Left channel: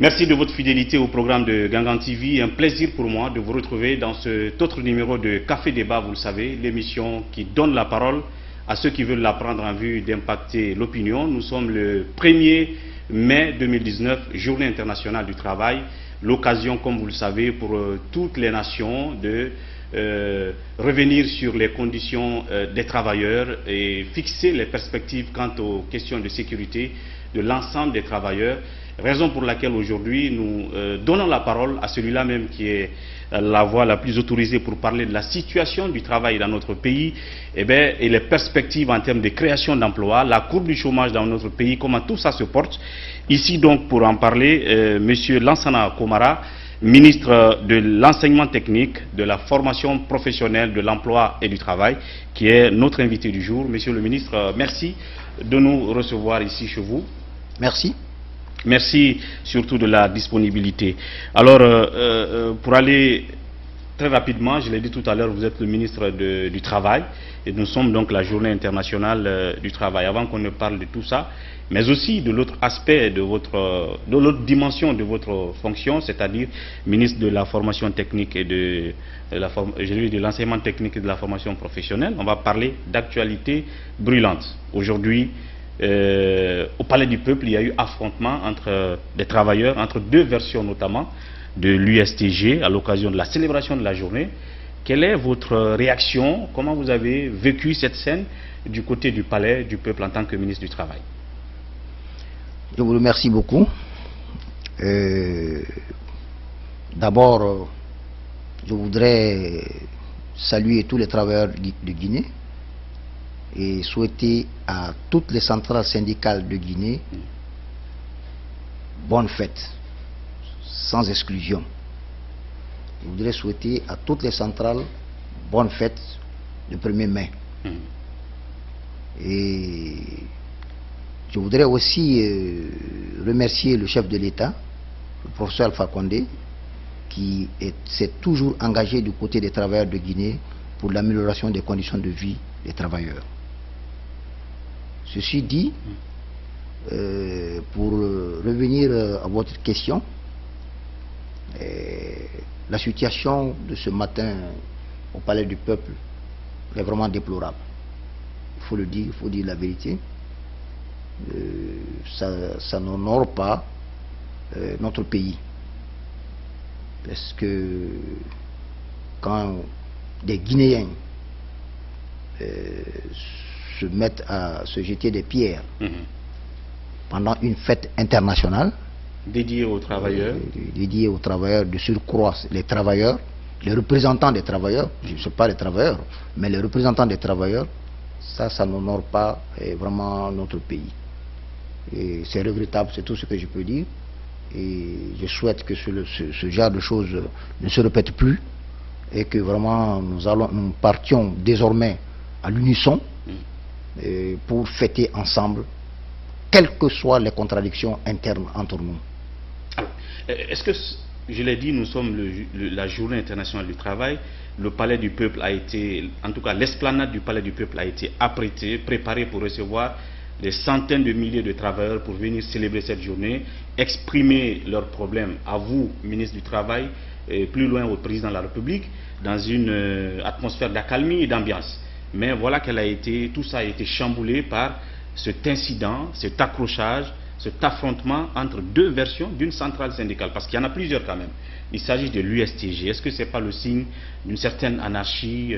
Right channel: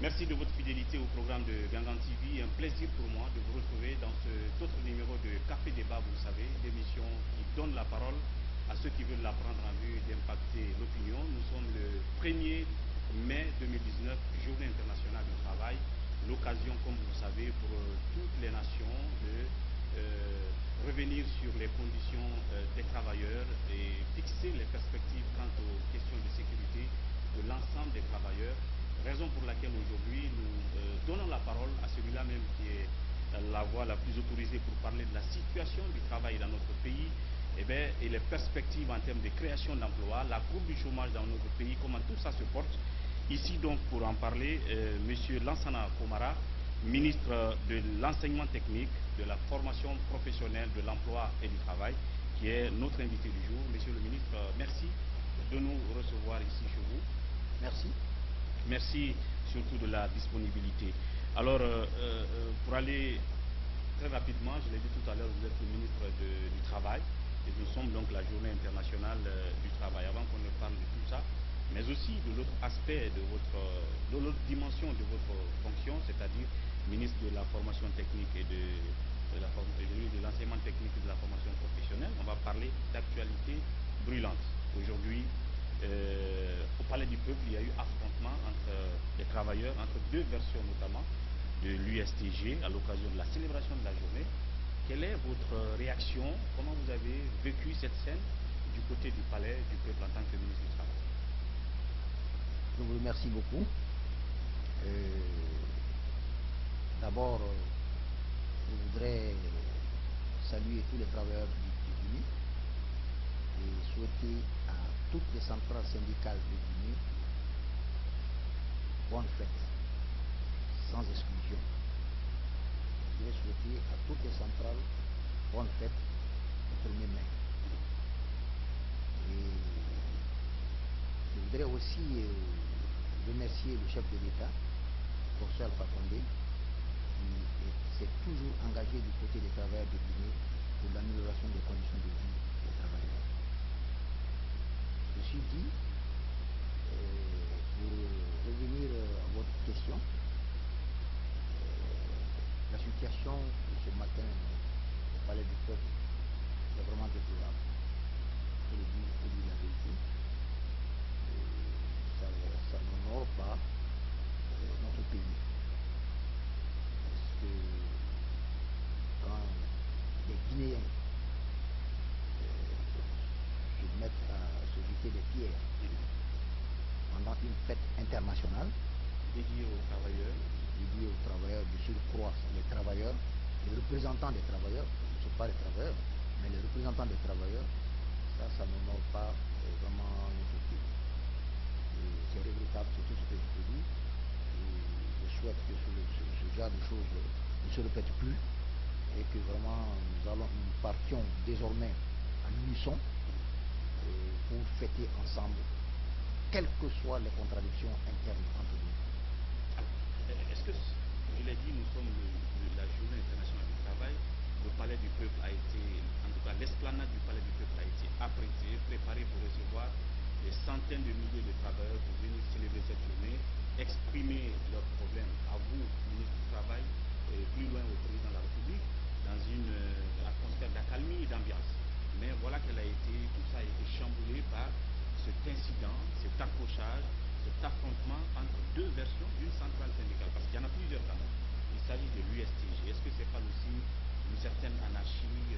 Merci de votre fidélité au programme de Gangan TV. Un plaisir pour moi de vous retrouver dans cet autre numéro de Café Débat, vous le savez, l'émission qui donne la parole à ceux qui veulent la prendre en vue d'impacter l'opinion. Nous sommes le 1er mai 2019, Journée internationale du travail. L'occasion, comme vous le savez, pour toutes les nations de revenir sur les conditions des travailleurs et fixer les perspectives quant aux questions de sécurité de l'ensemble des travailleurs. Raison pour laquelle aujourd'hui nous donnons la parole à celui-là même qui est la voix la plus autorisée pour parler de la situation du travail dans notre pays et les perspectives en termes de création d'emplois, la courbe du chômage dans notre pays, comment tout ça se porte. Ici donc pour en parler, Monsieur Lansana Komara, ministre de l'enseignement technique, de la formation professionnelle, de l'emploi et du travail, qui est notre invité du jour. Monsieur le ministre, merci de nous recevoir ici chez vous. Merci. Merci surtout de la disponibilité. Alors, pour aller très rapidement, je l'ai dit tout à l'heure, vous êtes le ministre du Travail et nous sommes donc la journée internationale du travail. Avant qu'on ne parle de tout ça, mais aussi de l'autre aspect, de l'autre dimension de votre fonction, c'est-à-dire ministre de la formation technique et de l'enseignement technique et de la formation professionnelle, on va parler d'actualité brûlante. Aujourd'hui, au Palais du Peuple, il y a eu affrontement entre des travailleurs, entre deux versions notamment de l'USTG à l'occasion de la célébration de la journée. Quelle est votre réaction? Comment vous avez vécu cette scène du côté du Palais du Peuple en tant que ministre du Travail? Je vous remercie beaucoup. D'abord, je voudrais saluer tous les travailleurs de Guinée et souhaiter à toutes les centrales syndicales de Guinée bonne fête, sans exclusion. Je voudrais souhaiter à toutes les centrales bonne fête le 1er mai. Et je voudrais aussi remercier le chef de l'État, le professeur Alpha Condé, qui s'est toujours engagé du côté des travailleurs de Guinée pour l'amélioration des conditions de vie des travailleurs. Ceci dit, pour revenir à votre question, la situation de ce matin au Palais du Peuple est vraiment déplorable. Il faut le dire, il faut dire la vérité. Ça n'honore pas notre pays. Parce que quand des Guinéens se mettent à se jeter des pierres pendant une fête internationale dédiée aux travailleurs, de surcroît les travailleurs, les représentants des travailleurs, je ne sais pas les travailleurs, mais les représentants des travailleurs, ça n'honore pas vraiment notre pays. Et c'est regrettable, c'est tout ce que je peux dire. Et je souhaite que ce genre de choses ne se répète plus et que vraiment nous partions désormais à l'unisson pour fêter ensemble, quelles que soient les contradictions internes entre nous. Est-ce que, je l'ai dit, nous sommes la journée internationale du travail, le Palais du Peuple a été, en tout cas l'esplanade du Palais du Peuple a été apprêtée, préparée pour recevoir des centaines de milliers de travailleurs pour venir célébrer cette journée, exprimer leurs problèmes à vous, ministre du Travail, et plus loin au président de la République, dans une atmosphère d'accalmie et d'ambiance. Mais voilà tout ça a été chamboulé par cet incident, cet accrochage, cet affrontement entre deux versions d'une centrale syndicale, parce qu'il y en a plusieurs quand même. Il s'agit de l'USTG. Est-ce que ce n'est pas le signe d'une certaine anarchie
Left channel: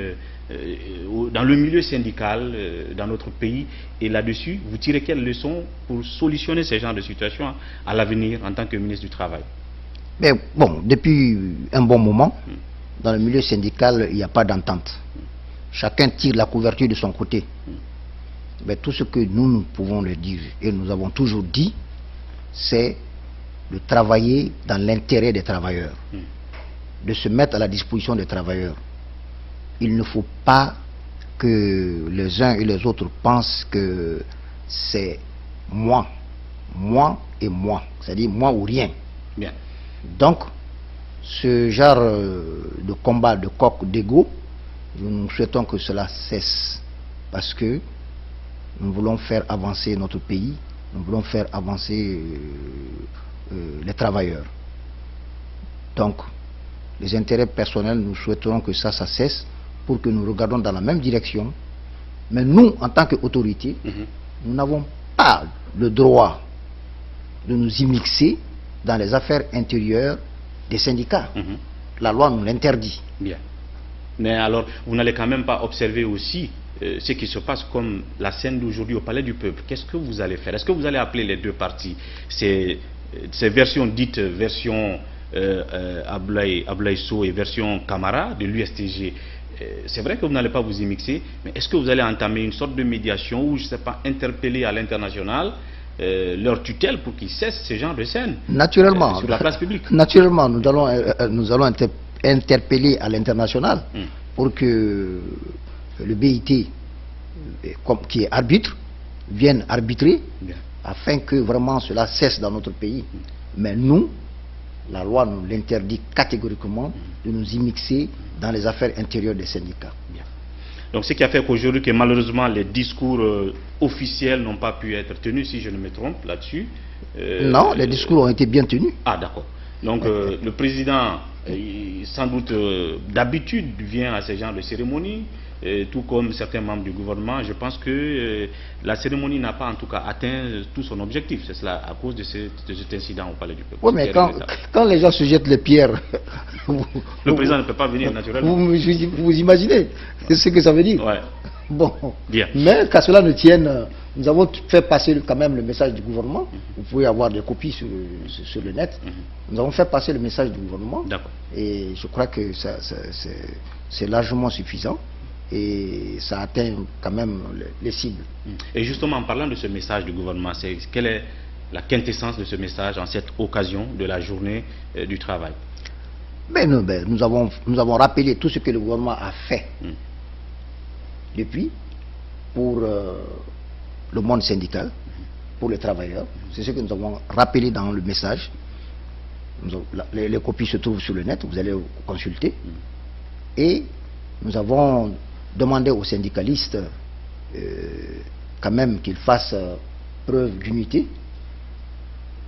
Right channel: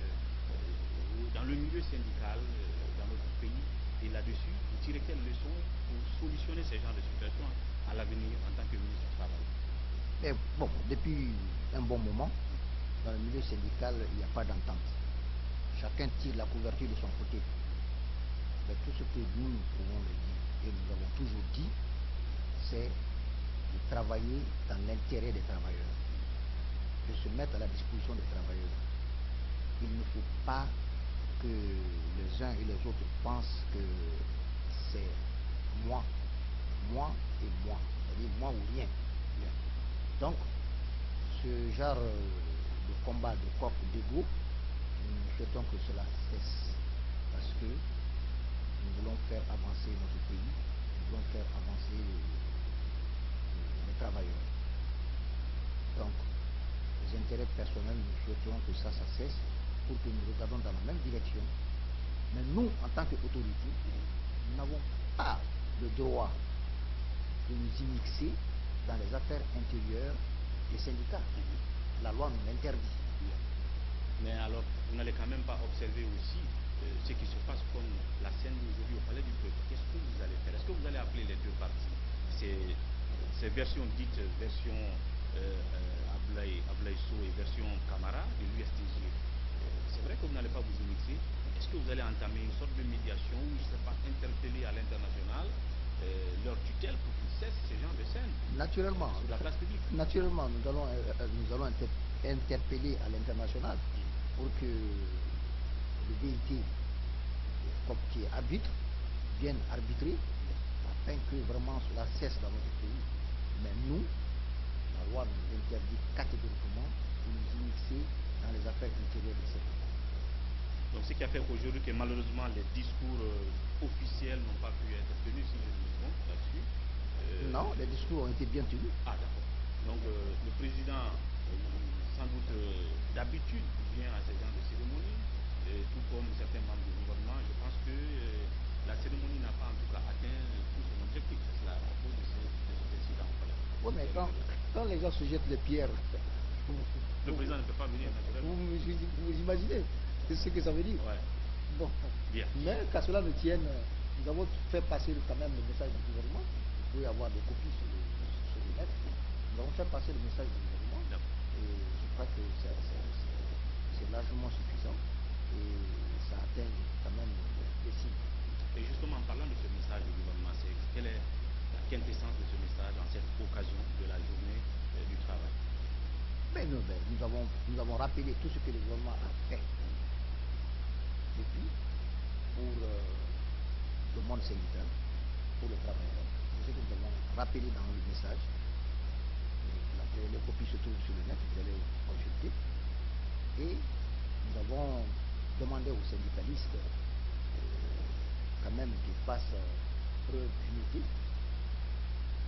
dans le milieu syndical dans notre pays? Et là-dessus, vous tirez quelles leçons pour solutionner ce genre de situation à l'avenir en tant que ministre du Travail? Mais bon, depuis un bon moment, dans le milieu syndical, il n'y a pas d'entente. Chacun tire la couverture de son côté. Mais tout ce que nous pouvons le dire, et nous avons toujours dit, c'est de travailler dans l'intérêt des travailleurs, de se mettre à la disposition des travailleurs. Il ne faut pas que les uns et les autres pensent que c'est moi et moi, c'est-à-dire moi ou rien. Bien. Donc, ce genre de combat de coq d'ego, nous souhaitons que cela cesse, parce que nous voulons faire avancer notre pays, nous voulons faire avancer les travailleurs. Donc, les intérêts personnels, nous souhaiterons que ça cesse pour que nous regardions dans la même direction. Mais nous, en tant qu'autorité, nous n'avons pas le droit de nous immixer dans les affaires intérieures des syndicats. La loi nous l'interdit. Bien. Mais alors, vous n'allez quand même pas observer aussi ce qui se passe comme la scène d'aujourd'hui au Palais du Peuple. Qu'est-ce que vous allez faire? Est-ce que vous allez appeler les deux parties? Ces versions dites version Abdoulaye Sow et version Camara de l'USTG. C'est vrai que vous n'allez pas vous immixer, mais est-ce que vous allez entamer une sorte de médiation ou, je ne sais pas, interpeller à l'international leur tutelle pour qu'ils cessent ce genre de scène naturellement, sur la place publique? Naturellement, nous allons interpeller à l'international pour que le BIT, qui est arbitre, vienne arbitrer afin que vraiment cela cesse dans notre pays. Mais nous, la loi nous l'interdit catégoriquement de nous immixer dans les affaires intérieures des syndicats. Donc ce qui a fait qu'aujourd'hui, que malheureusement les discours officiels n'ont pas pu être tenus, si je ne me trompe là-dessus. Non, les discours ont été bien tenus. Ah d'accord. Donc le président, sans doute d'habitude, vient à ce genre de cérémonie, tout comme certains membres du gouvernement. Je pense que la cérémonie n'a pas en tout cas atteint tout son objectif. C'est cela à cause de cet incident au Palais du Peuple. Oui, mais quand les gens se jettent les pierres... le président ne peut pas venir naturellement. Vous imaginez ce que ça veut dire? Ouais. Bon. Bien. Mais qu'à cela ne tienne, nous avons fait passer quand même le message du gouvernement. Vous pouvez avoir des copies sur le net. Nous avons fait passer le message du gouvernement. Et je crois que c'est largement suffisant. Et ça atteint quand même les cibles. Et justement, en parlant de ce message du gouvernement, quelle est la quintessence de ce message en cette occasion de la journée du travail? Nous avons rappelé tout ce que le gouvernement a fait depuis pour le monde syndical, pour les travailleurs. C'est ce que nous avons rappelé dans le message. Les copies se trouvent sur le net, vous allez consulter. Et nous avons demandé aux syndicalistes quand même qu'ils fassent preuve d'unité,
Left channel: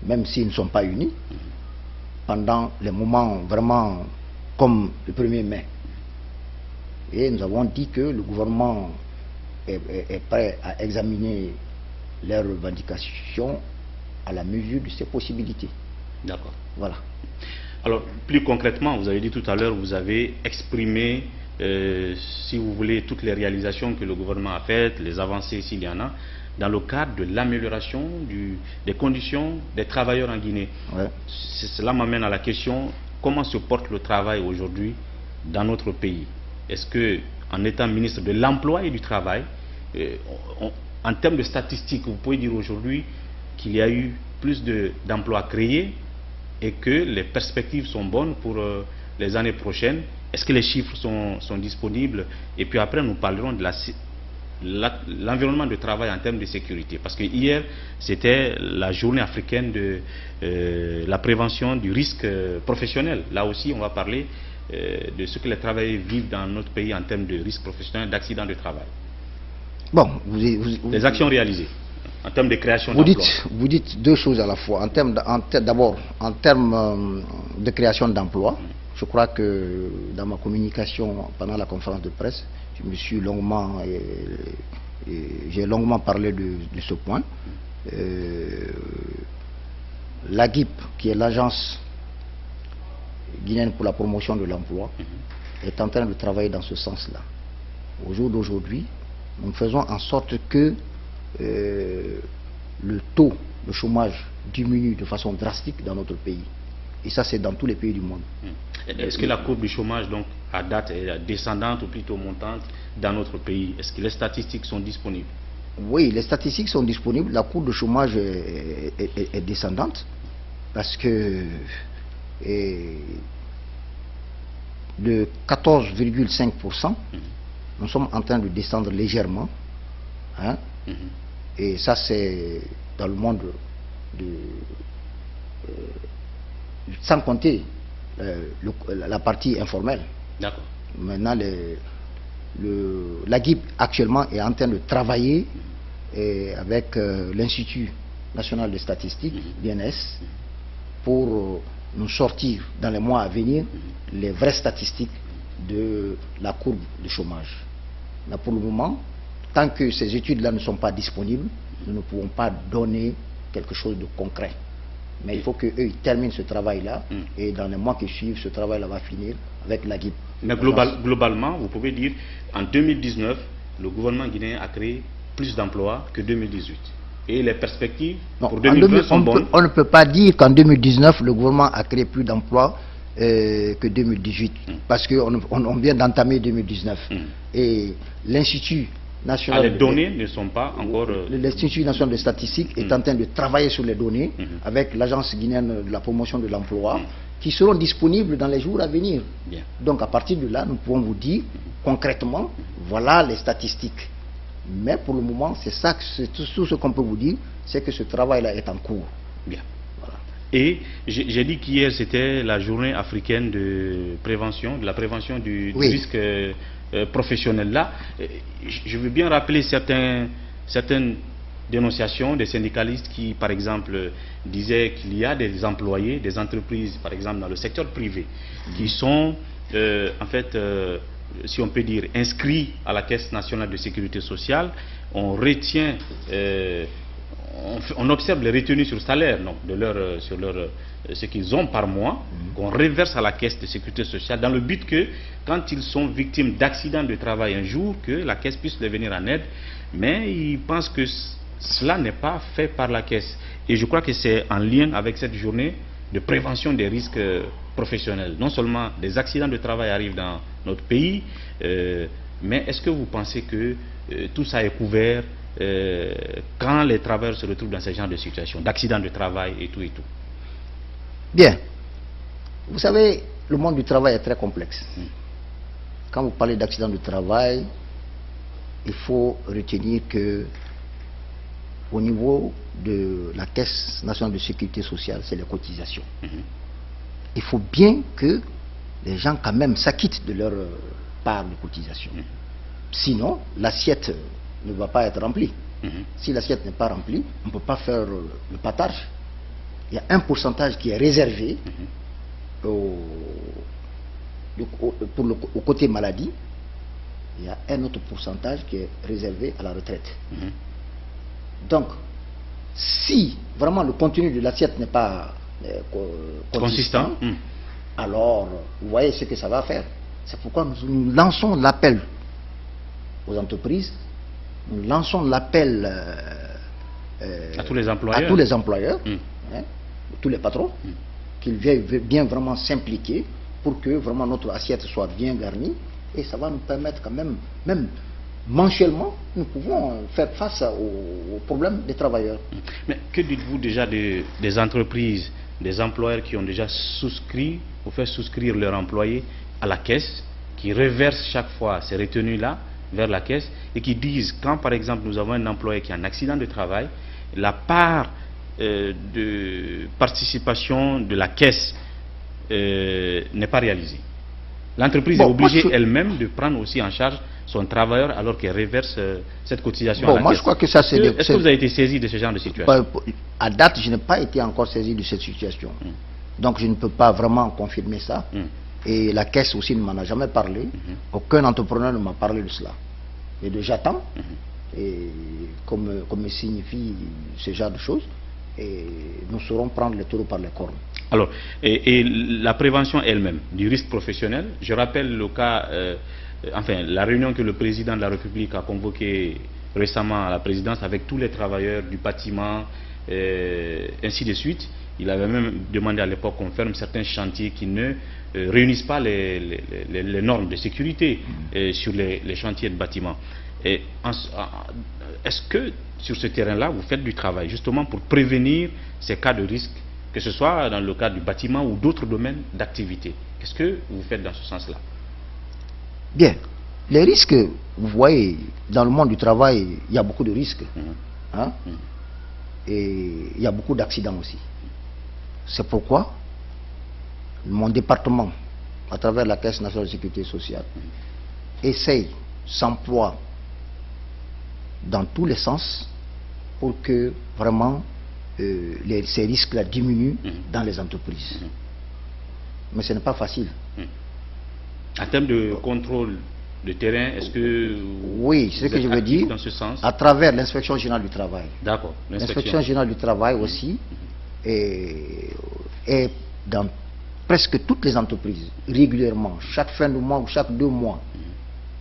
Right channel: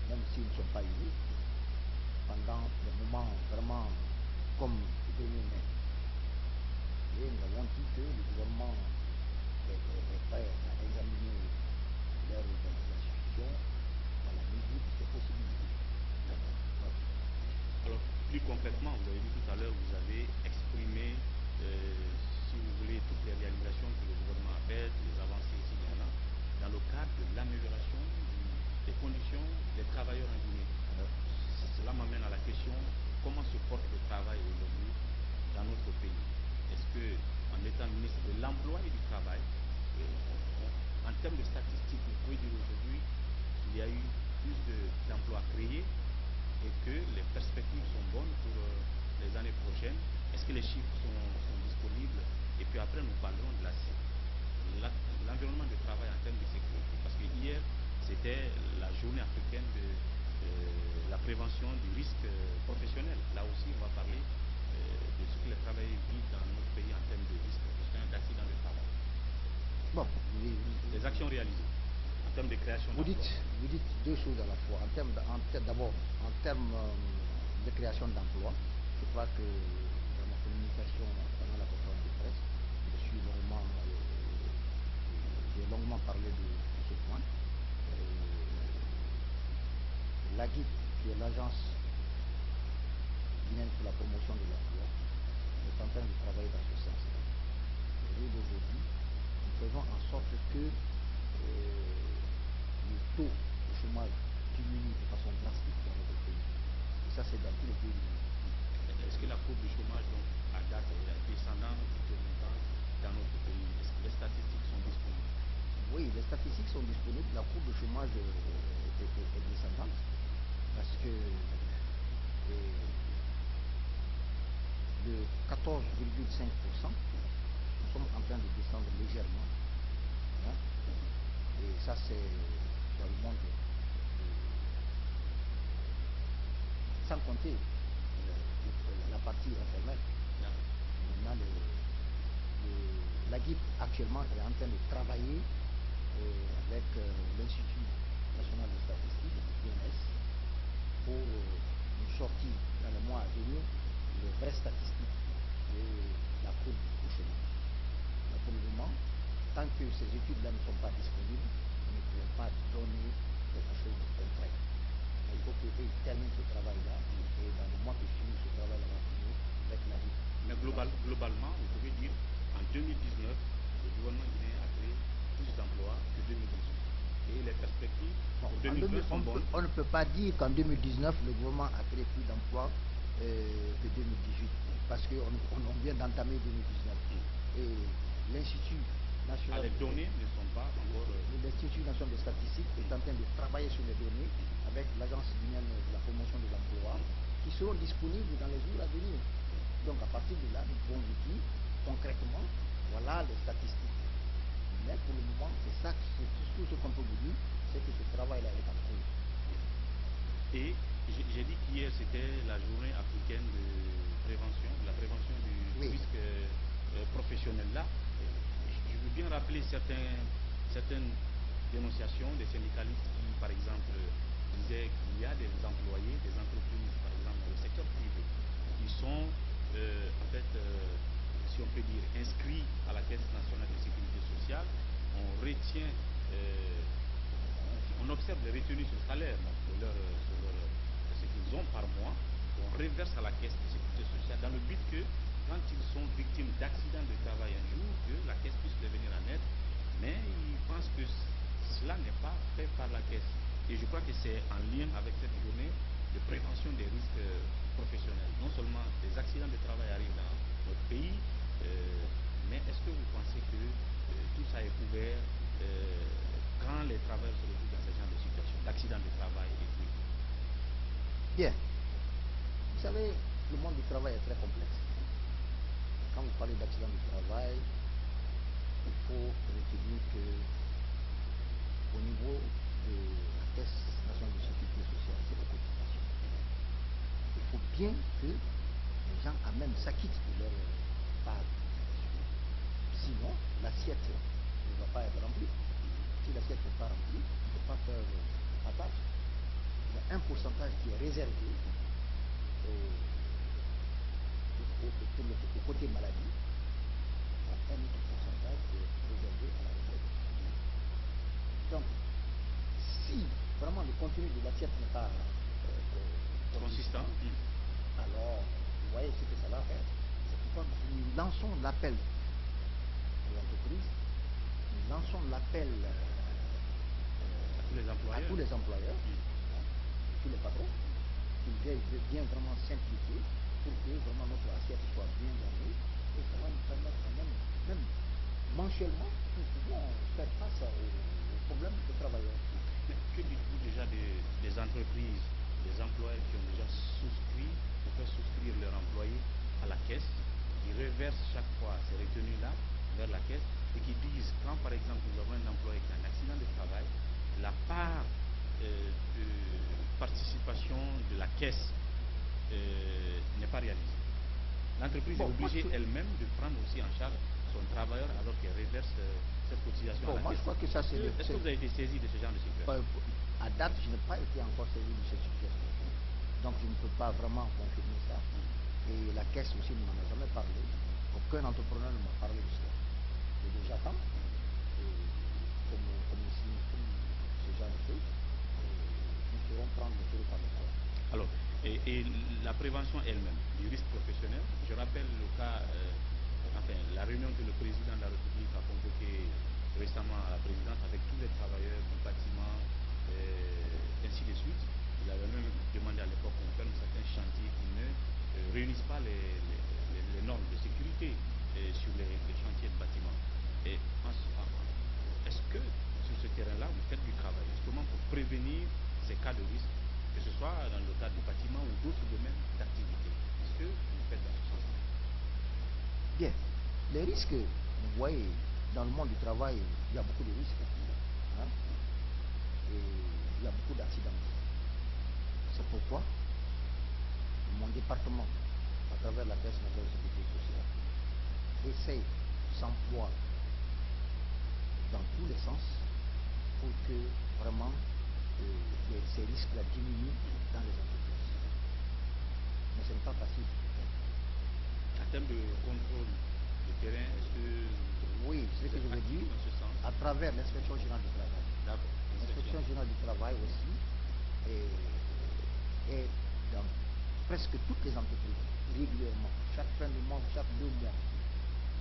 même s'ils ne sont pas unis, pendant les moments vraiment comme le 1er mai. Et nous avons dit que le gouvernement est prêt à examiner leurs revendications à la mesure de ses possibilités. D'accord. Voilà. Alors, plus concrètement, vous avez dit tout à l'heure, vous avez exprimé, si vous voulez, toutes les réalisations que le gouvernement a faites, les avancées s'il y en a, dans le cadre de l'amélioration des conditions des travailleurs en Guinée. Ouais. Cela m'amène à la question, comment se porte le travail aujourd'hui dans notre pays? Est-ce que, en étant ministre de l'Emploi et du Travail, en termes de statistiques, vous pouvez dire aujourd'hui qu'il y a eu plus d'emplois créés et que les perspectives sont bonnes pour les années prochaines? Est-ce que les chiffres sont disponibles? Et puis après, nous parlerons de l'environnement de travail en termes de sécurité. Parce que hier, c'était la journée africaine de la prévention du risque professionnel. Là aussi, on va parler de ce que les travailleurs vivent dans notre pays en termes de risque professionnel, d'accident de travail. Bon, les actions réalisées en termes de création d'emplois. Vous dites deux choses à la fois. D'abord, en termes de création d'emplois, je crois que dans ma communication pendant la conférence de presse, j'ai longuement parlé de ce point. L'AGIP, qui est l'agence guinéenne pour la promotion de l'emploi, est en train de travailler dans ce sens-là. Au jour d'aujourd'hui, nous faisons en sorte que le taux de chômage diminue de façon drastique dans notre pays. Et ça, c'est dans tous les pays du monde. Est-ce que la courbe du chômage, donc, à date, est descendante ou plutôt montante dans notre pays? Est-ce que les statistiques sont disponibles? Oui, les statistiques sont disponibles. La courbe de chômage est descendante parce que de 14,5%, nous sommes en train de descendre légèrement. Hein? Et ça, c'est dans le monde sans compter la partie informelle. D'accord. Maintenant, l'AGIP actuellement est en train de travailler avec l'Institut national de statistiques, l'INS, pour nous sortir dans les mois à venir les vraies statistiques de la courbe de chômage. Mais pour le moment, tant que ces études-là ne sont pas disponibles, nous ne pouvons pas donner quelque chose de concret. Mais il faut qu'eux terminent ce travail-là, et dans les mois qui suivent, ce travail-là va finir avec la guide. Mais globalement, vous pouvez dire, en 2019, le gouvernement guinéen a créé plus d'emplois que 2018. Et les perspectives pour 2020 sont bonnes. On ne peut pas dire qu'en 2019, le gouvernement a créé plus d'emplois que 2018, parce qu'on vient d'entamer 2019. Et l'Institut national... les données ne sont pas encore... L'Institut national de statistique est en train de travailler sur les données avec l'Agence guinéenne de la promotion de l'emploi, qui seront disponibles dans les jours à venir. Bien. Donc à partir de là, nous pouvons vous dire concrètement, voilà les statistiques. Mais pour le moment, c'est ça, tout ce qu'on peut vous dire, c'est que ce travail-là est en cours. Bien. Voilà. Et j'ai dit qu'hier, c'était la journée africaine de prévention, de la prévention du risque professionnel. Là, je veux bien rappeler certaines dénonciations des syndicalistes qui, par exemple, disaient qu'il y a des employés, des entreprises, par exemple, dans le secteur privé, qui sont, en fait, si on peut dire, inscrits à la Caisse nationale de sécurité sociale. On retient, on observe les retenues sur salaire, donc, sur ce qu'ils ont par mois, qu'on reverse à la Caisse de sécurité sociale, dans le but que, quand ils sont victimes d'accidents de travail un jour, que la Caisse puisse les venir en aide. Mais ils pensent que cela n'est pas fait par la Caisse. Et je crois que c'est en lien avec cette journée de prévention des risques professionnels. Non seulement des accidents de travail arrivent dans notre pays, mais est-ce que vous pensez que tout ça est couvert quand les travailleurs se retrouvent dans ce genre de situation, d'accidents de travail et tout et tout? Bien. Vous savez, le monde du travail est très complexe. Quand vous parlez d'accidents de travail, il faut retenir que au niveau de la Caisse nationale de sécurité sociale, c'est les cotisations. Il faut bien que les gens quand même s'acquittent de leur part de cotisation. Sinon, l'assiette ne va pas être remplie. Si l'assiette n'est pas remplie, on ne peut pas faire le partage. Il y a un pourcentage qui est réservé au côté maladie. Il y a un autre pourcentage qui est réservé à la retraite. Donc, si vraiment le contenu de l'assiette n'est pas consistant, alors vous voyez ce que ça va faire. C'est pourquoi nous lançons l'appel aux entreprises, nous lançons l'appel à tous les employeurs, tous les patrons, qu'ils viennent bien vraiment s'impliquer pour que vraiment notre assiette soit bien garnie, et ça va nous permettre quand même mensuellement, nous pouvons faire face aux problèmes des travailleurs. Mais que dites-vous déjà des entreprises, des employeurs qui ont déjà souscrit ou fait souscrire leurs employés à la Caisse, qui reversent chaque fois ces retenues-là vers la Caisse, et qui disent, quand par exemple nous avons un employé qui a un accident de travail, la part de participation de la Caisse n'est pas réalisée. L'entreprise est obligée elle-même de prendre aussi en charge son travailleur alors qu'elle reverse cette cotisation à la Caisse. Je crois que ça c'est... Est-ce que vous avez été saisi de ce genre de situation? À date, je n'ai pas été encore saisi de cette situation. Donc je ne peux pas vraiment confirmer ça. Et la Caisse aussi ne m'en a jamais parlé. Aucun entrepreneur ne m'a parlé de cela. Et j'attends, et comme me signifie ce genre de choses, et nous saurons prendre le taureau par les cornes. Alors, et la prévention elle-même du risque professionnel, je rappelle le cas, enfin la réunion que le président de la République a convoquée récemment à la présidence avec tous les travailleurs du bâtiment, ainsi de suite. Il avait même demandé à l'époque qu'on ferme certains chantiers qui ne réunissent pas les normes de sécurité sur les chantiers de bâtiment. Est-ce que sur ce terrain-là, vous faites du travail justement pour prévenir ces cas de risque, que ce soit dans le cadre du bâtiment ou d'autres domaines d'activité? Qu'est-ce que vous faites dans ce sens-là? Bien. Les risques, vous voyez, dans le monde du travail, il y a beaucoup de risques. Et il y a beaucoup d'accidents aussi. C'est pourquoi mon département, à travers la Caisse nationale de sécurité sociale, essaye, s'emploie dans tous les sens pour que vraiment ces risques-là diminuent dans les entreprises. Mais ce n'est pas facile. En termes de contrôle de terrain, est-ce que... Oui, c'est ce que je veux dire, dans ce sens, à travers l'inspection générale du travail. D'accord. L'inspection générale du travail aussi est dans presque toutes les entreprises, régulièrement, chaque fin de mois ou chaque 2 mois,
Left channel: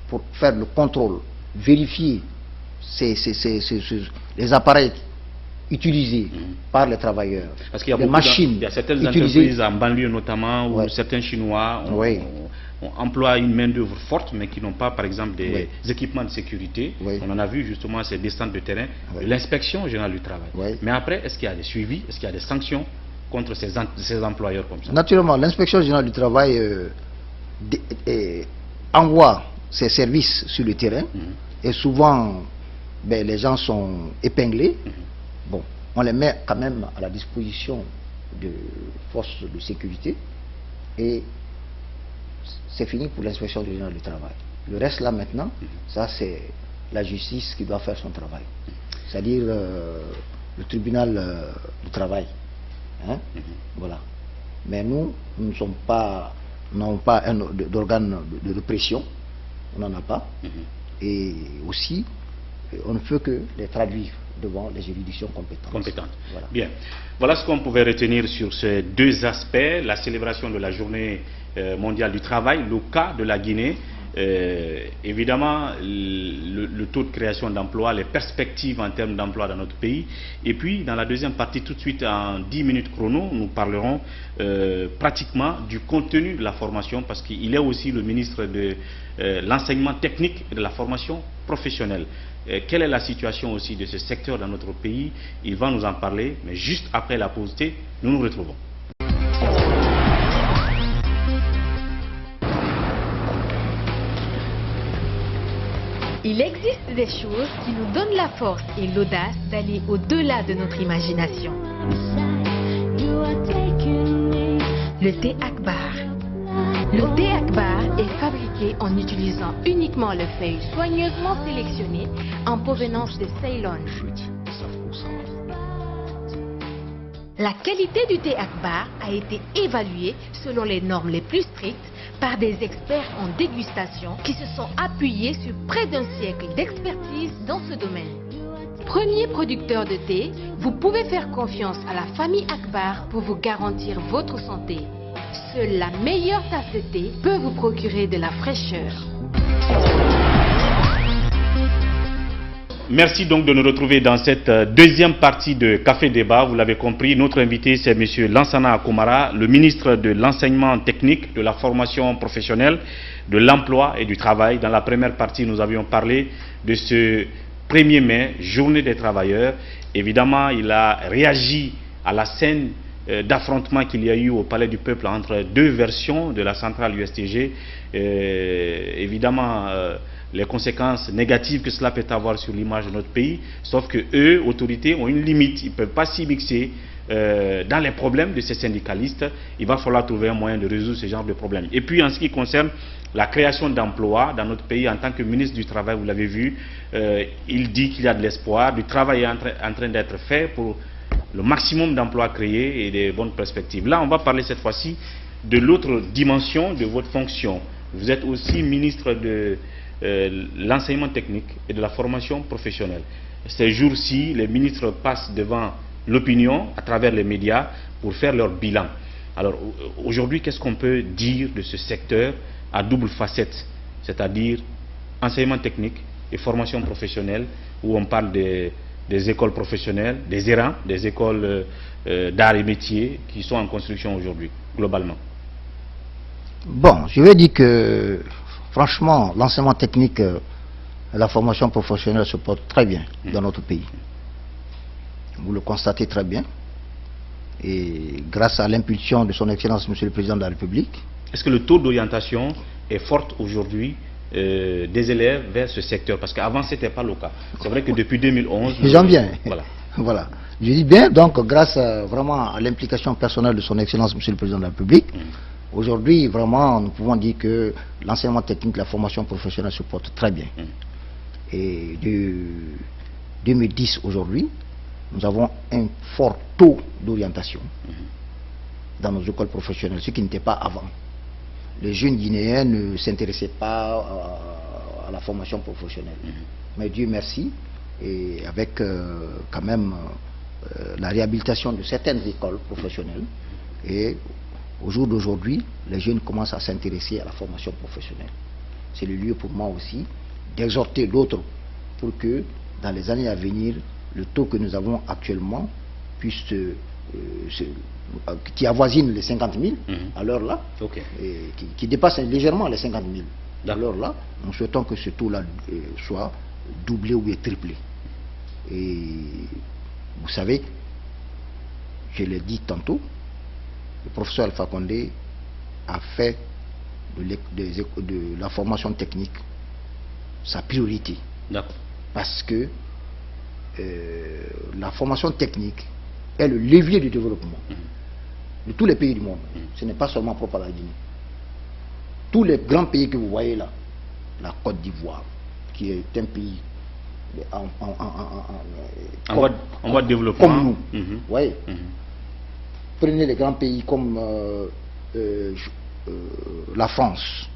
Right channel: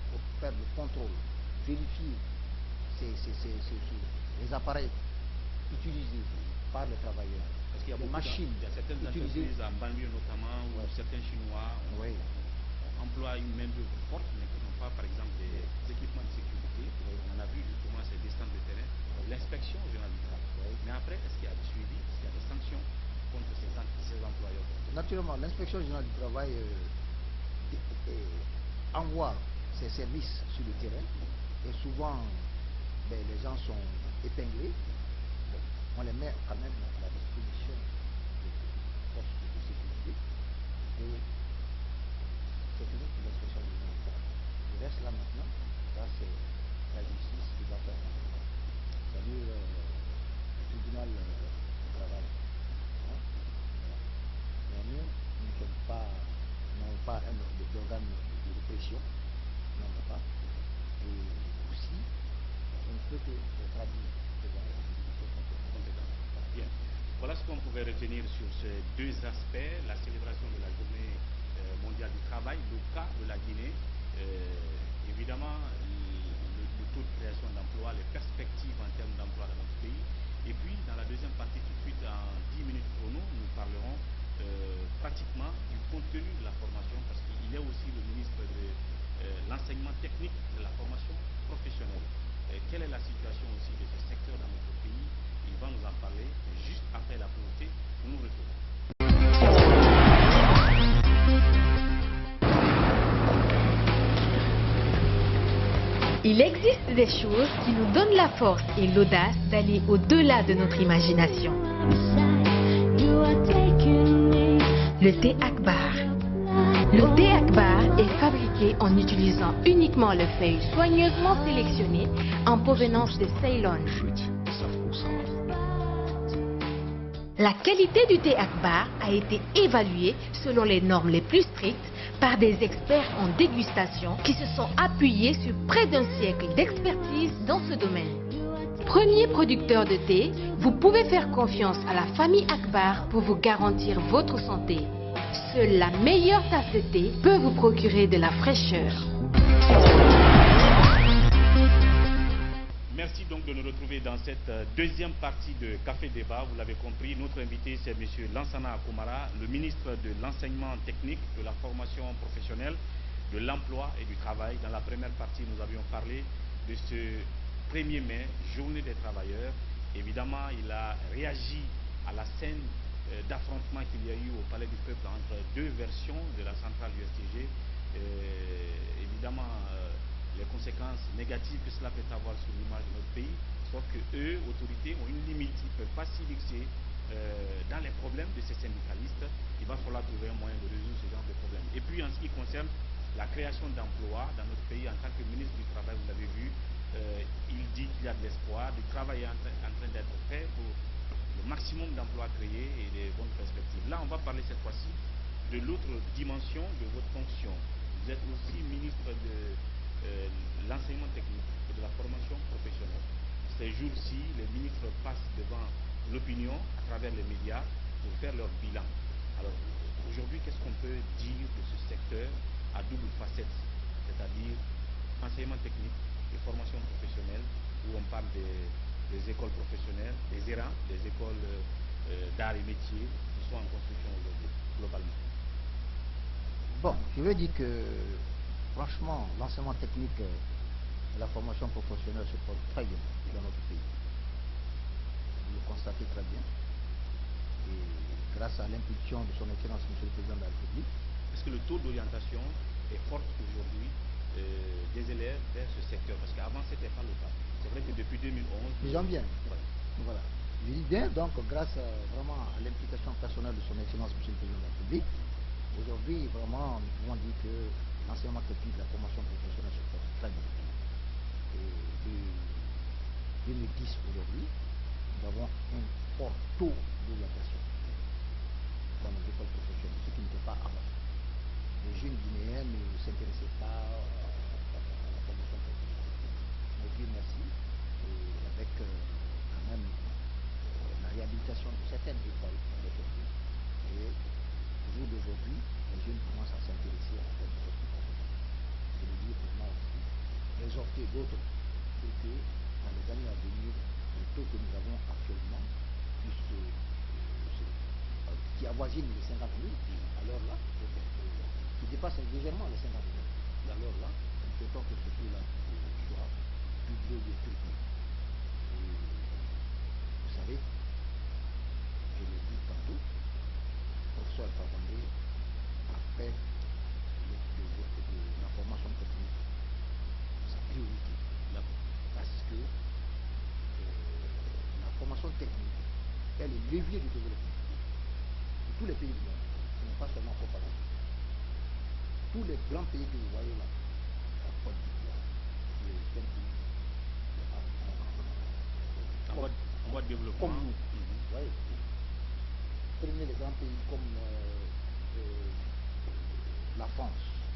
pour faire le contrôle, vérifier les appareils utilisés par les travailleurs. Parce qu'il y a les machines il y a certaines utilisées. entreprises en banlieue notamment, où Ouais. certains Chinois emploient une main-d'œuvre forte, mais qui n'ont pas, par exemple, des équipements de sécurité. Oui. On en a vu justement ces descentes de terrain, Oui. l'inspection générale du travail. Oui. Mais après, est-ce qu'il y a des suivis, est-ce qu'il y a des sanctions contre ces employeurs comme ça? Naturellement, l'inspection générale du travail envoie ses services sur le terrain et souvent les gens sont épinglés. Bon, on les met quand même à la disposition de forces de sécurité et c'est fini pour l'inspection générale du travail. Le reste là maintenant, ça c'est la justice qui doit faire son travail. C'est-à-dire le tribunal du travail. Hein? Voilà. Mais nous ne sommes pas, n'avons pas d'organe de répression, on n'en a pas. Et aussi, on ne peut que les traduire devant les juridictions compétentes. Voilà. Bien. Voilà ce qu'on pouvait retenir sur ces 2 aspects, la célébration de la journée mondiale du travail, le cas de la Guinée. Évidemment, le taux de création d'emplois, les perspectives en termes d'emploi dans notre pays. Et puis, dans la deuxième partie, tout de suite, en 10 minutes chrono, nous parlerons pratiquement du contenu de la formation, parce qu'il est aussi le ministre de l'enseignement technique et de la formation professionnelle. Quelle est la situation aussi de ce secteur dans notre pays? Il va nous en parler, mais juste après la pause, nous nous retrouvons. Il existe des choses qui nous donnent la force et l'audace d'aller au-delà de notre imagination. Le thé Akbar. Le thé Akbar est fabriqué en utilisant uniquement les feuilles soigneusement sélectionnées en provenance de Ceylon. La qualité du thé Akbar a été évaluée selon les normes les plus strictes par des experts en dégustation qui se sont appuyés sur près d'un siècle d'expertise dans ce domaine. Premier producteur de thé, vous pouvez faire confiance à la famille Akbar pour vous garantir votre santé. Seule la meilleure tasse de thé peut vous procurer de la fraîcheur. Merci donc de nous retrouver dans cette deuxième partie de Café Débat. Vous l'avez compris, notre invité c'est M. Lansana Akomara, le ministre de l'Enseignement technique, de la formation professionnelle, de l'emploi et du travail. Dans la première partie, nous avions parlé de ce 1er mai, journée des travailleurs. Évidemment, il a réagi à la scène d'affrontement qu'il y a eu au Palais du Peuple entre 2 versions de la centrale USTG. Évidemment, les conséquences négatives que cela peut avoir sur l'image de notre pays, sauf que eux, autorités, ont une limite. Ils ne peuvent pas s'y mixer dans les problèmes de ces syndicalistes. Il va falloir trouver un moyen de résoudre ce genre de problème. Et puis en ce qui concerne la création d'emplois dans notre pays, en tant que ministre du Travail, vous l'avez vu, il dit qu'il y a de l'espoir, du travail est en train d'être fait pour le maximum d'emplois créés et des bonnes perspectives. Là, on va parler cette fois-ci de l'autre dimension de votre fonction. Vous êtes aussi ministre de l'enseignement technique et de la formation professionnelle. Ces jours-ci, les ministres passent devant l'opinion à travers les médias pour faire leur bilan. Alors aujourd'hui, qu'est-ce qu'on peut dire de ce secteur à double facette, c'est-à-dire enseignement technique et formation professionnelle, où on parle des écoles professionnelles, des ERAN, des écoles d'art et métiers qui sont en construction aujourd'hui, globalement? Bon, je vais dire que franchement, l'enseignement technique et la formation professionnelle se portent très bien dans notre pays. Vous le constatez très bien. Et grâce à l'impulsion de son Excellence, Monsieur le Président de la République. Est-ce que le taux d'orientation est fort aujourd'hui des élèves vers ce secteur? Parce qu'avant, ce n'était pas le cas. C'est vrai que depuis 2011... J'en viens. Voilà. Voilà. Je dis bien, donc, grâce vraiment à l'implication personnelle de son Excellence, Monsieur le Président de la République, aujourd'hui, vraiment, nous pouvons dire que l'enseignement technique, la formation professionnelle se porte très bien. Et de 2010 aujourd'hui, nous avons un fort taux d'orientation dans nos écoles professionnelles, ce qui n'était pas avant. Les jeunes Guinéens ne s'intéressaient pas à la formation professionnelle. Mais Dieu merci, et avec quand même la réhabilitation de certaines écoles professionnelles, et au jour d'aujourd'hui, les jeunes commencent à s'intéresser à la formation professionnelle. C'est le lieu pour moi aussi d'exhorter d'autres pour que dans les années à venir, le taux que nous avons actuellement puisse qui avoisine les 50 000 à l'heure là, et qui dépasse légèrement les 50 000 à l'heure là. Nous souhaitons que ce taux-là soit doublé ou bien triplé. Et vous savez, je l'ai dit tantôt, le professeur Alpha Condé a fait de la formation technique sa priorité. Parce que la formation technique est le levier du développement de tous les pays du monde. Ce n'est pas seulement propre à la Guinée. Tous les grands pays que vous voyez là, la Côte d'Ivoire, qui est un pays en voie de développement, comme nous, voyez. Prenez les grands pays comme la France,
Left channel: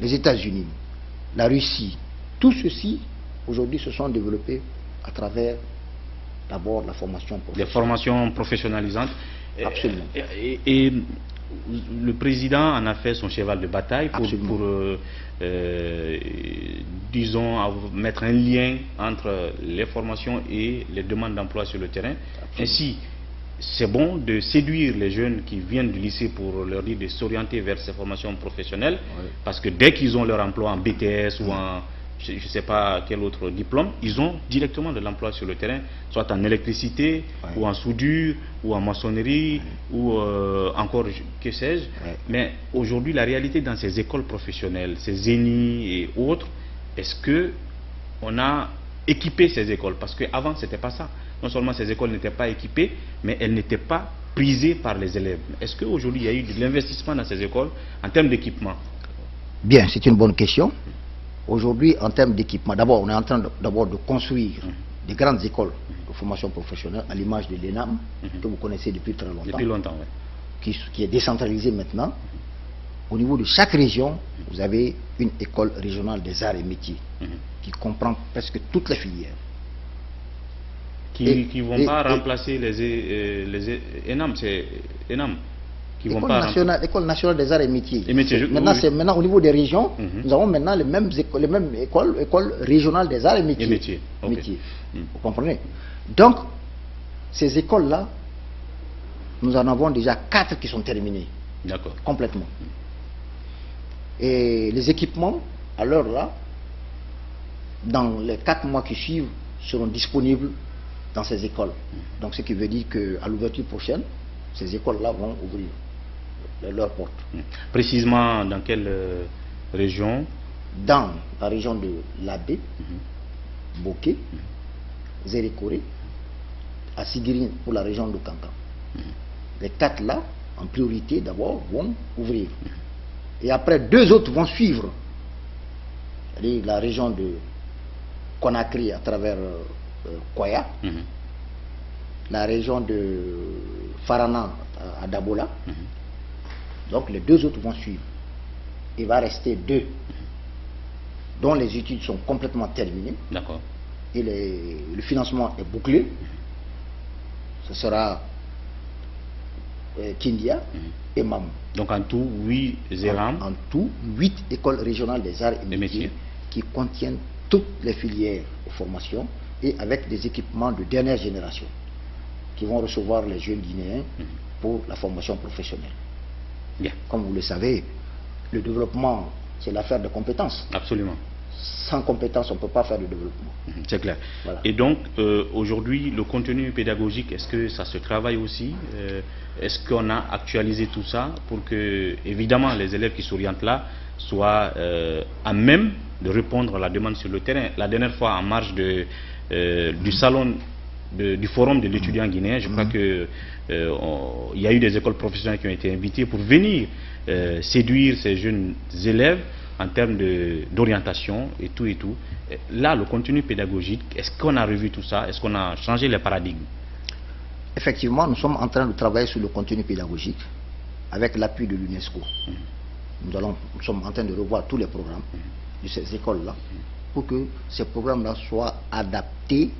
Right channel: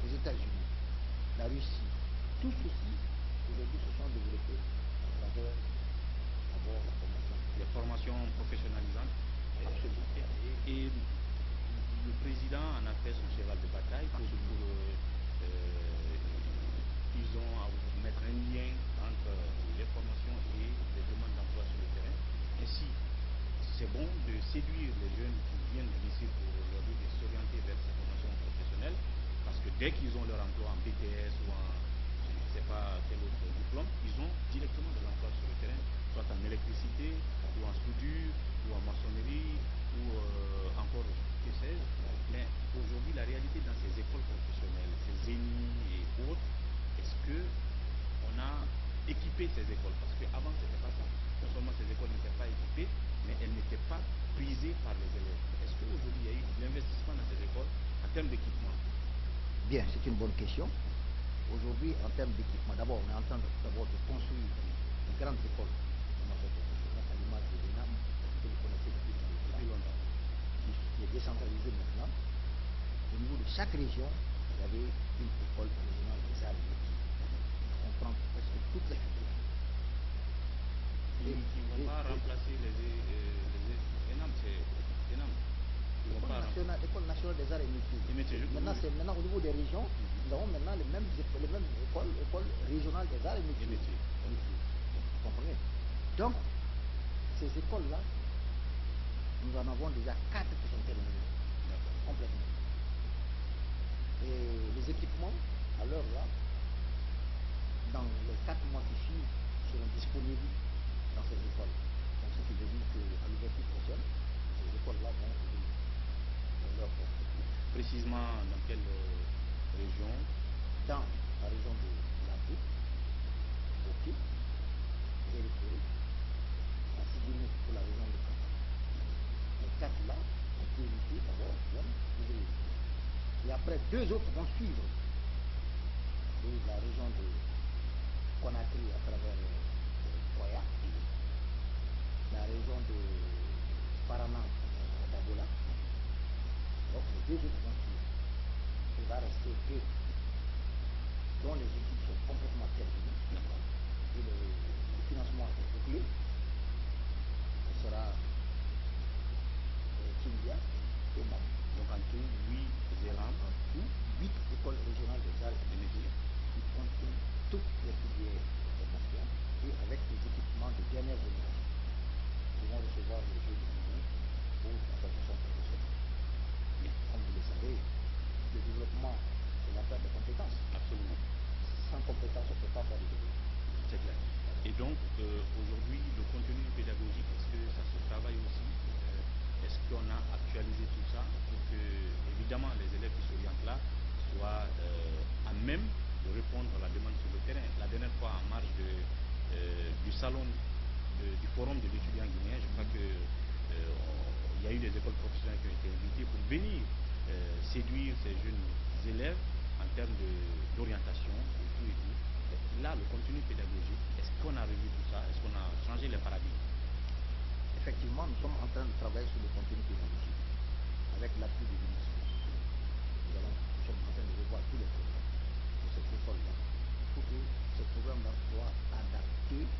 les États-Unis, la Russie, tout ceci aujourd'hui se sont développés à travers d'abord la formation professionnelle. Les formations professionnalisantes. Absolument. Et le président en a fait son cheval de bataille pour disons, mettre un lien entre les formations et les demandes d'emploi sur le terrain. Ainsi, c'est bon de séduire les jeunes qui viennent du lycée pour leur dire de s'orienter vers ces formations professionnelles, parce que dès qu'ils ont leur emploi en BTS ou en je ne sais pas quel autre diplôme, ils ont directement de l'emploi sur le terrain, soit en électricité, ou en soudure, ou en maçonnerie, ou encore, que sais-je. Mais aujourd'hui, la réalité dans ces écoles professionnelles, ces ZENI et autres, est-ce que on a équipé ces écoles? Parce qu'avant, ce n'était pas ça. Non seulement ces écoles n'étaient pas équipées, mais elles n'étaient pas prisées par les élèves. Est-ce qu'aujourd'hui, il y a eu de l'investissement dans ces écoles en termes d'équipement? Bien, c'est une bonne question. Aujourd'hui, en termes d'équipement, d'abord, on est en train de construire des grandes écoles de formation professionnelle à l'image de l'ENAM, que vous connaissez depuis très longtemps. Depuis longtemps, oui. Qui est décentralisée maintenant. Au niveau de chaque région, vous avez une école régionale des arts et métiers qui comprend presque toutes les filières. Qui ne vont pas remplacer les ENAM, c'est ENAM. École nationale des arts et métiers. Maintenant, maintenant au niveau des régions, nous avons maintenant les mêmes écoles régionales des arts et métiers. Vous comprenez? Donc, ces écoles-là, nous en avons déjà 4 qui sont terminées. Complètement. Et les équipements, à l'heure là, dans les 4 mois qui suivent, seront disponibles dans ces écoles. Donc, ce qui veut dire qu'à l'ouverture prochaine, ces écoles-là vont ouvrir leurs portes. Précisément dans quelle région? Dans la région de Labé, Boké, Zérékoré, Assigirine pour la région de Kankan. Les 4 là, en priorité d'abord, vont ouvrir. Et après 2 autres vont suivre. C'est-à-dire la région de Conakry à travers Koya, la région de Farana à Dabola. Donc les 2 autres vont suivre. Il va rester 2 dont les études sont complètement terminées. Et le financement est bouclé. Ce sera Kindia et Mam. Donc en tout, 8 ZERAM. En tout, 8 écoles régionales des arts et métiers qui contiennent toutes les filières de formation et avec des équipements de dernière génération qui vont recevoir les jeunes Guinéens pour la formation professionnelle. Comme vous le savez, le développement, c'est l'affaire de compétences. Absolument. Sans compétences, on ne peut pas faire de développement. C'est clair. Voilà. Et donc, aujourd'hui, le contenu pédagogique, est-ce que ça se travaille aussi? Est-ce qu'on a actualisé tout ça pour que, évidemment, les élèves qui s'orientent là soient à même de répondre à la demande sur le terrain? La dernière fois, en marge du salon du forum de l'étudiant guinéen, je crois que il y a eu des écoles professionnelles qui ont été invitées pour venir séduire ces jeunes élèves en termes d'orientation et tout. Là, le contenu pédagogique, est-ce qu'on a revu tout ça? Est-ce qu'on a changé les paradigmes? effectivement, nous sommes en train de travailler sur le contenu pédagogique avec l'appui de l'UNESCO. Nous sommes en train de revoir tous les programmes de ces écoles-là pour que ces programmes-là soient adaptés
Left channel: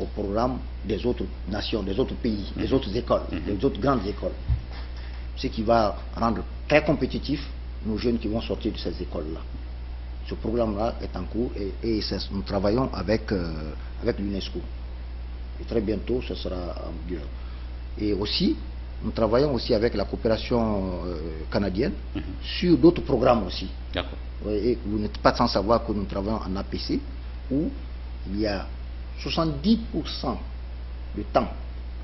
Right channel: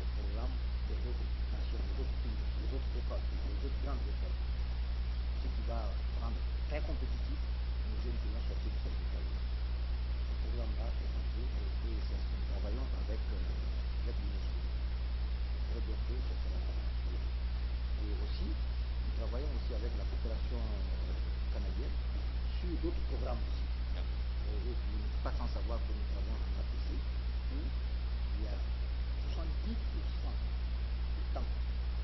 aux programmes des autres nations, des autres pays, des autres écoles, des autres grandes écoles. Ce qui va rendre très compétitifs nos jeunes qui vont sortir de ces écoles-là. Ce programme-là est en cours et nous travaillons avec l'UNESCO. Et très bientôt, ce sera en vigueur. Et aussi, nous travaillons aussi avec la coopération canadienne sur d'autres programmes aussi. D'accord. Et vous n'êtes pas sans savoir que nous travaillons en APC où il y a 70% du temps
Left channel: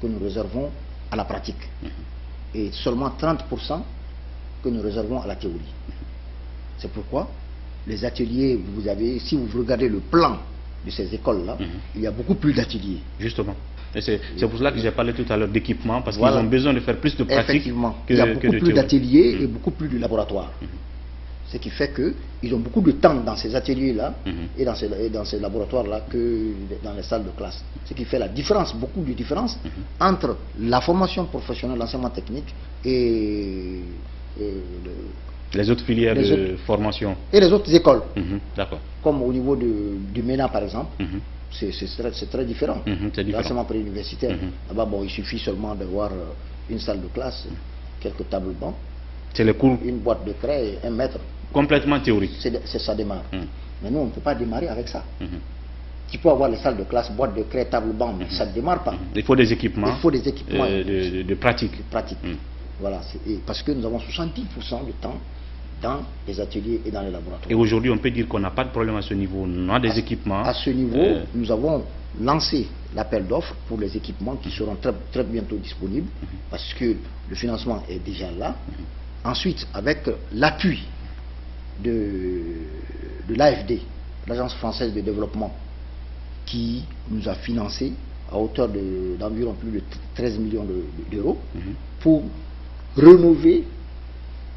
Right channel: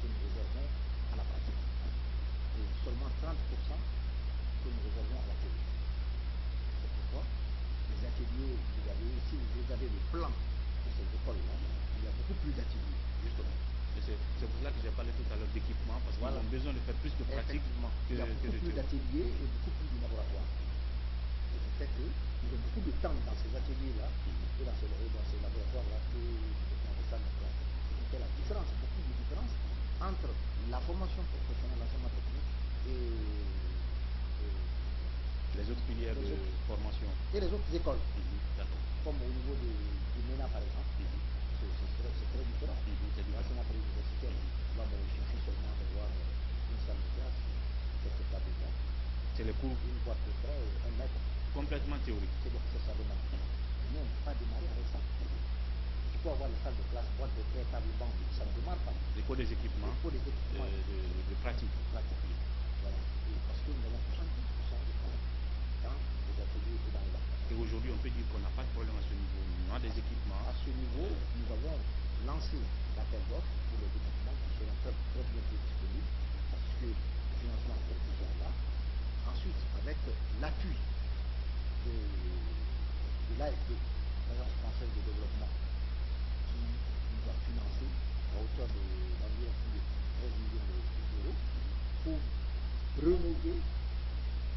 que nous réservons à la pratique et seulement 30% que nous réservons à la théorie. C'est pourquoi les ateliers, si vous regardez le plan de ces écoles-là, il y a beaucoup plus d'ateliers. Justement. C'est pour cela que j'ai parlé tout à l'heure d'équipement, parce qu'ils ont besoin de faire plus de pratique. Effectivement, il y a beaucoup plus d'ateliers et beaucoup plus de laboratoires. Ce qui fait qu'ils ont beaucoup de temps dans ces ateliers-là et dans ces laboratoires-là que dans les salles de classe. Ce qui fait la différence, beaucoup de différence entre la formation professionnelle, l'enseignement technique et les autres filières de formation. Et les autres écoles. D'accord. Comme au niveau du MENA par exemple, c'est très différent. L'enseignement préuniversitaire. Là-bas, bon, il suffit seulement d'avoir une salle de classe, quelques tables bancs. C'est les cours. Une boîte de craie et un maître. Complètement théorique. Ça démarre. Mais nous, on ne peut pas démarrer avec ça. Tu peux avoir les salles de classe, boîte de craie, table banc, mais ça ne démarre pas. Il faut des équipements. Il faut des équipements de pratique. Voilà, parce que nous avons 70% de temps dans les ateliers et dans les laboratoires. Et aujourd'hui, on peut dire qu'on n'a pas de problème à ce niveau. On a des équipements. À ce niveau, nous avons lancé l'appel d'offres pour les équipements qui seront très, très bientôt disponibles parce que le financement est déjà là. Ensuite, avec l'appui de l'AFD, l'Agence française de développement, qui nous a financé à hauteur d'environ plus de 13 millions d'euros pour rénover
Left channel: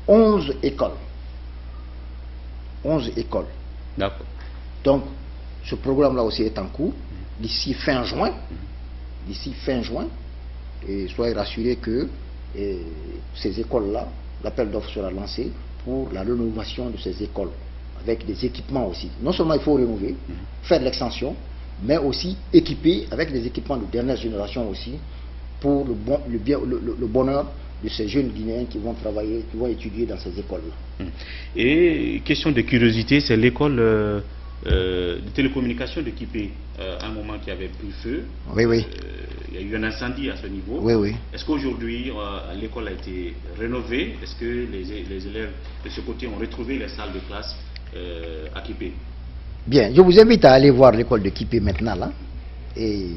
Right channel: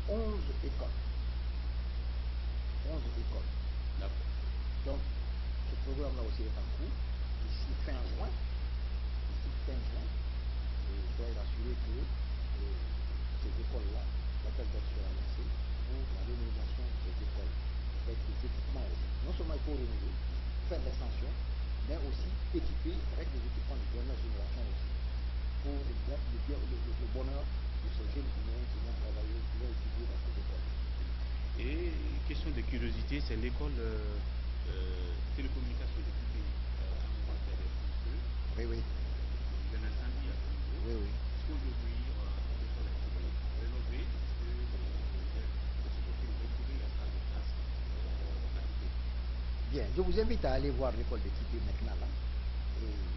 11 écoles. 11 écoles. D'accord. Donc, ce programme-là aussi est en cours. D'ici fin juin, et soyez rassurés que ces écoles-là, l'appel d'offres sera lancé pour la rénovation de ces écoles, avec des équipements aussi. Non seulement il faut rénover, faire de l'extension, mais aussi équiper avec des équipements de dernière génération aussi, pour le bonheur de ces jeunes Guinéens qui vont travailler, qui vont étudier dans ces écoles-là. Et question de curiosité, c'est l'école de télécommunication de Kipé, un moment qui avait pris feu. Oui, oui. Il y a eu un incendie à ce niveau. Oui, oui. Est-ce qu'aujourd'hui, l'école a été rénovée? Est-ce que les élèves de ce côté ont retrouvé les salles de classe à Kipé? Bien, je vous invite à aller voir l'école de Kipé maintenant, là. Et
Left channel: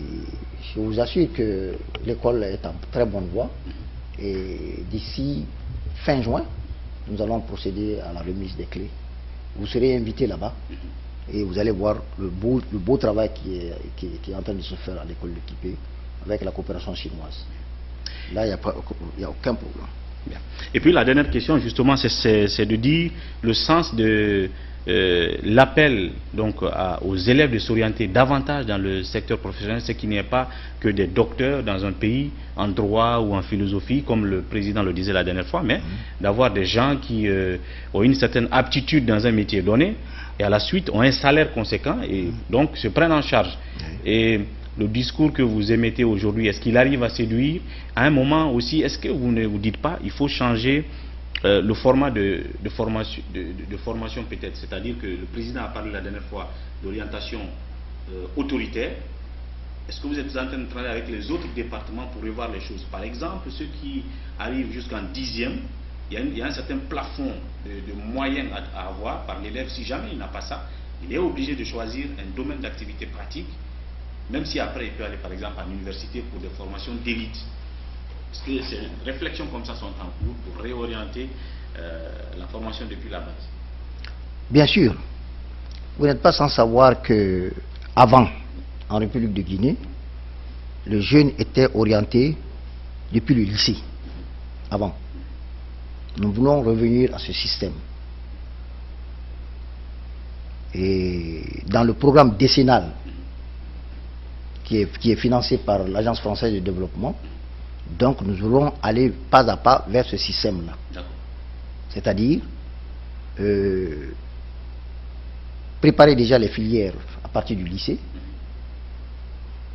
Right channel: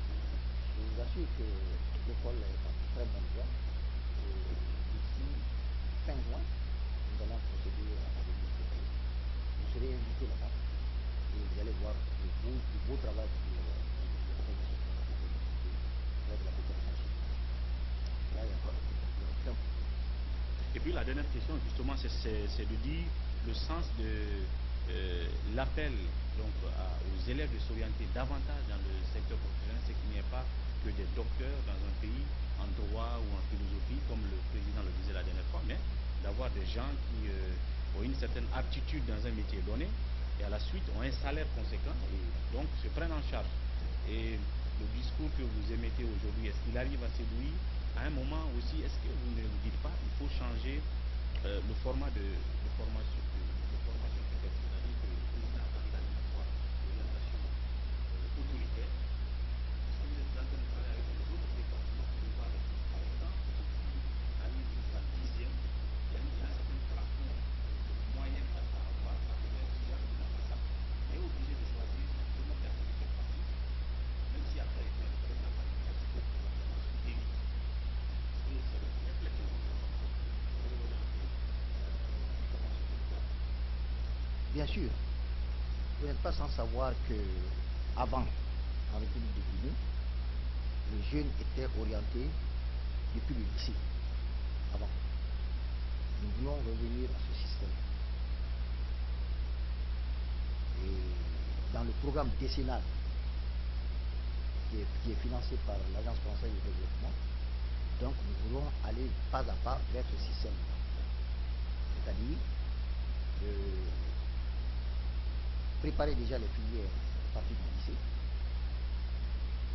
je vous assure que l'école est en très bonne voie. Et d'ici fin juin, nous allons procéder à la remise des clés. Vous serez invités là-bas et vous allez voir le beau travail qui est en train de se faire à l'école de Kipé avec la coopération chinoise. Là, il n'y a aucun problème. Bien. Et puis la dernière question, justement, c'est de dire le sens de l'appel donc aux élèves de s'orienter davantage dans le secteur professionnel, c'est qu'il n'y ait pas que des docteurs dans un pays en droit ou en philosophie, comme le président le disait la dernière fois, mais d'avoir des gens qui ont une certaine aptitude dans un métier donné et à la suite ont un salaire conséquent et donc se prennent en charge. Et le discours que vous émettez aujourd'hui, est-ce qu'il arrive à séduire? À un moment aussi, est-ce que vous ne vous dites pas il faut changer le format de formation peut-être? C'est-à-dire que le président a parlé la dernière fois d'orientation autoritaire. Est-ce que vous êtes en train de travailler avec les autres départements pour revoir les choses? Par exemple, ceux qui arrivent jusqu'en 10e, il y a un certain plafond de moyens à avoir par l'élève. Si jamais il n'a pas ça, il est obligé de choisir un domaine d'activité pratique, même si après il peut aller par exemple à l'université pour des formations d'élite. Est-ce que ces réflexions comme ça sont en cours pour réorienter la formation depuis la base? Bien sûr. Vous n'êtes pas sans savoir que avant, en République de Guinée, les jeunes étaient orientés depuis le lycée. Avant. Nous voulons revenir à ce système. Et dans le programme décennal qui est financé par l'Agence française de développement, Donc nous allons aller pas à pas vers ce système-là. C'est-à-dire préparer déjà les filières à partir du lycée.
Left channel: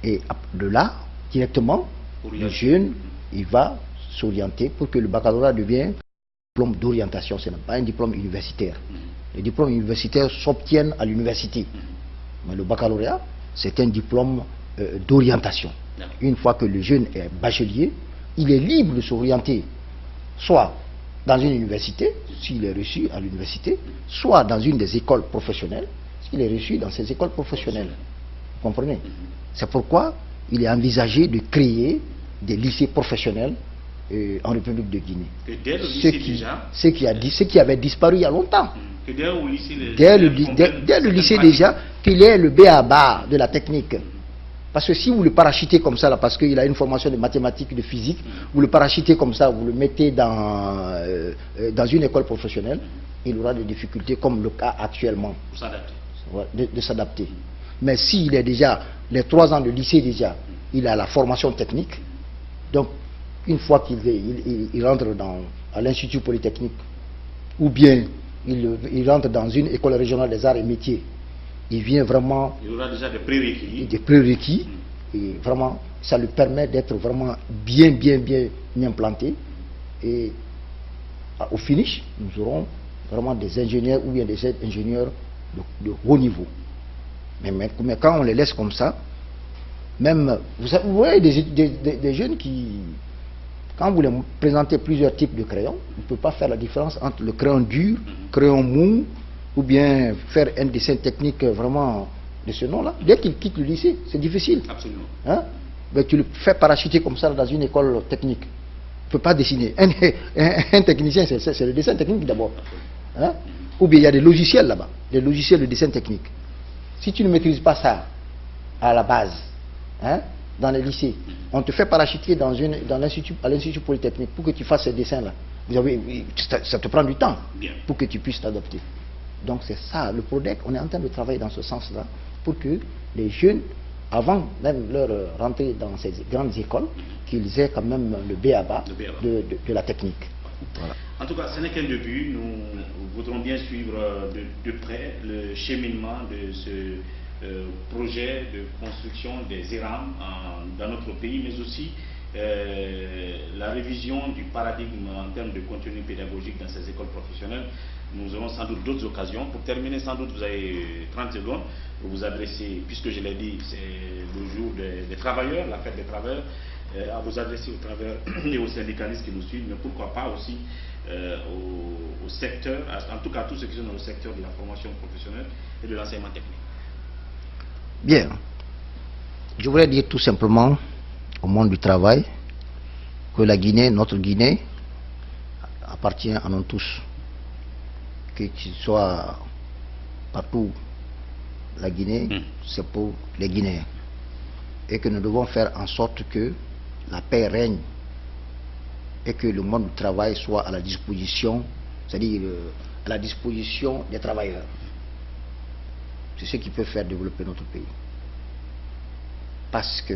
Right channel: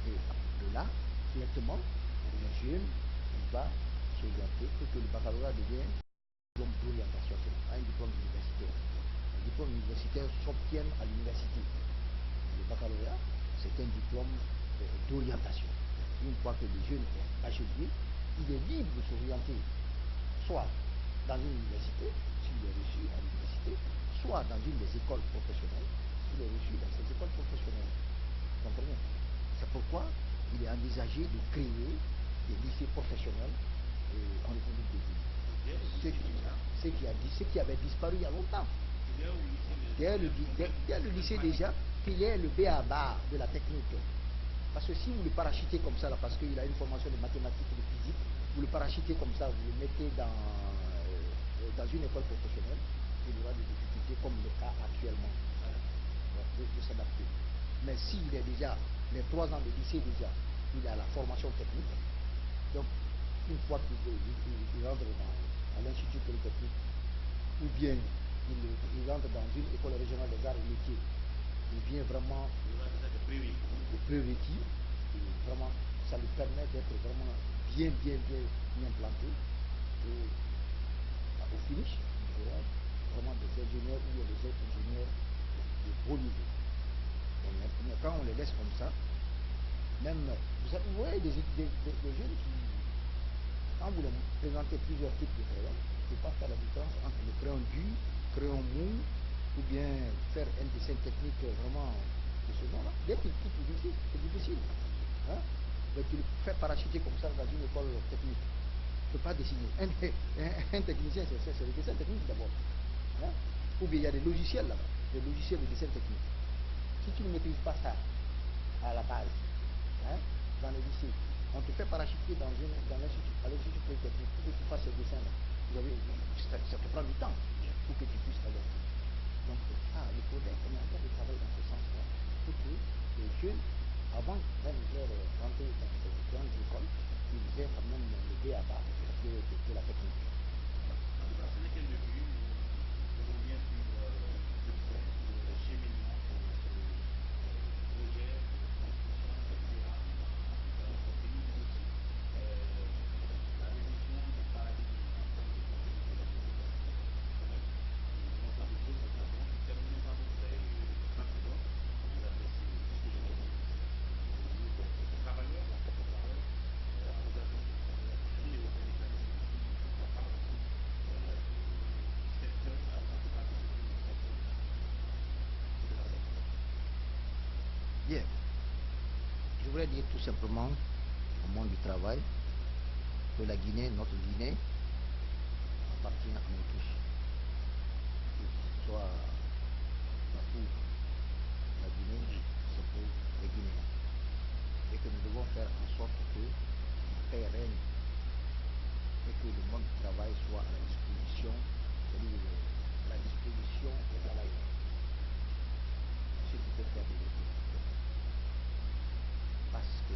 Et de là, directement, le jeune, il va s'orienter pour que le baccalauréat devienne un diplôme d'orientation. Ce n'est pas un diplôme universitaire. Les diplômes universitaires s'obtiennent à l'université. Mais le baccalauréat, c'est un diplôme d'orientation. Une fois que le jeune est bachelier, il est libre de s'orienter soit dans une université, s'il est reçu à l'université, soit dans une des écoles professionnelles, s'il est reçu dans ces écoles professionnelles. Vous comprenez? C'est pourquoi il est envisagé de créer des lycées professionnels en République de Guinée. Ce qui avait disparu il y a longtemps. Dès le lycée déjà, qu'il ait le B.A.-BA de la technique. Parce que si vous le parachutez comme ça, là, parce qu'il a une formation de mathématiques, de physique, vous le parachutez comme ça, vous le mettez dans une école professionnelle, il aura des difficultés comme le cas actuellement de s'adapter. Mais s'il est déjà, les 3 ans de lycée déjà, il a la formation technique, donc une fois qu'il rentre à l'Institut Polytechnique, ou bien il rentre dans une école régionale des arts et métiers, il vient vraiment... Il aura déjà des prérequis. Des prérequis, et vraiment, ça lui permet d'être vraiment bien implanté. Et au finish, nous aurons vraiment des ingénieurs ou bien des ingénieurs de haut niveau. Mais quand on les laisse comme ça, même, vous voyez des jeunes qui, quand vous les présentez plusieurs types de crayons, on ne peut pas faire la différence entre le crayon dur, crayon mou, ou bien faire un dessin technique vraiment de ce nom-là. Dès qu'il quitte le lycée, c'est difficile. Absolument. Hein? Mais tu le fais parachuter comme ça dans une école technique. Tu ne peux pas dessiner. Un technicien, c'est le dessin technique d'abord. Hein? Ou bien il y a des logiciels là-bas, des logiciels de dessin technique. Si tu ne maîtrises pas ça à la base, hein, dans les lycées, on te fait parachuter à l'Institut Polytechnique pour que tu fasses ces dessins-là. Ça te prend du temps pour que tu puisses t'adapter. Donc c'est ça, le PRODEC, on est en train de travailler dans ce sens-là pour que les jeunes, avant même leur rentrée dans ces grandes écoles, qu'ils aient quand même le B.A.-BA de la technique. Voilà. En tout cas, ce n'est qu'un début. Nous voudrons bien suivre de près le cheminement de ce projet de construction des ERAM dans notre pays, mais aussi la révision du paradigme en termes de contenu pédagogique dans ces écoles professionnelles. Nous aurons sans doute d'autres occasions. Pour terminer, sans doute, vous avez 30 secondes pour vous adresser, puisque je l'ai dit, c'est le jour des travailleurs, la fête des travailleurs, à vous adresser aux travailleurs et aux syndicalistes qui nous suivent, mais pourquoi pas aussi au secteur, en tout cas tous ceux qui sont dans le secteur de la formation professionnelle et de l'enseignement technique. Bien. Je voudrais dire tout simplement au monde du travail que la Guinée, notre Guinée, appartient à nous tous. Qu'il soit partout, la Guinée, c'est pour les Guinéens. Et que nous devons faire en sorte que la paix règne et que le monde du travail soit à la disposition, c'est-à-dire à la disposition des travailleurs. C'est ce qui peut faire développer notre pays. Parce que